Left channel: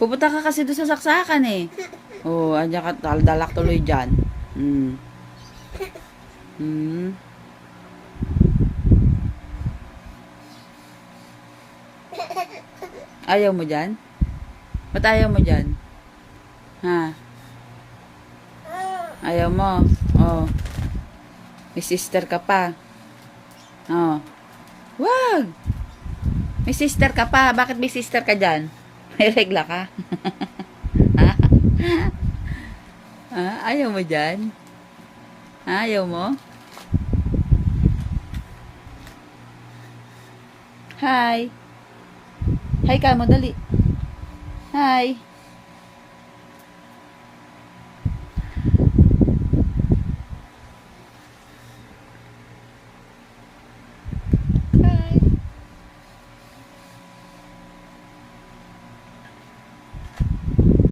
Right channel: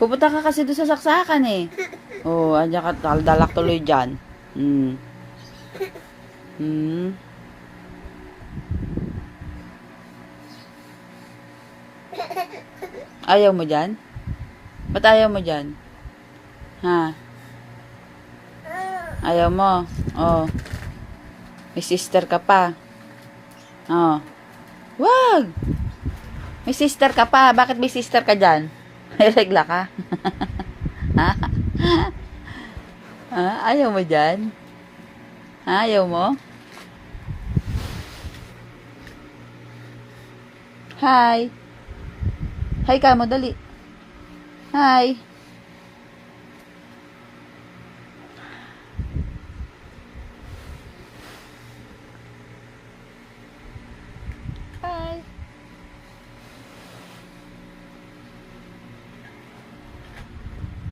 Pupunta ka kasi doon sa saksakan eh. Oh, andyan ka, dalak tuloy dyan. Hmm. Hmm. Ayaw mo dyan? Ba't ayaw mo dyan? Ha? Ayaw mo? Oh. May sister ka pa. Oh. Wag! May sister ka pa. Bakit may sister ka dyan? May regla ka? Ha? Ha? Ayaw mo dyan? Ha? Ayaw mo? Hi! Hi ka mo, dali. Hi!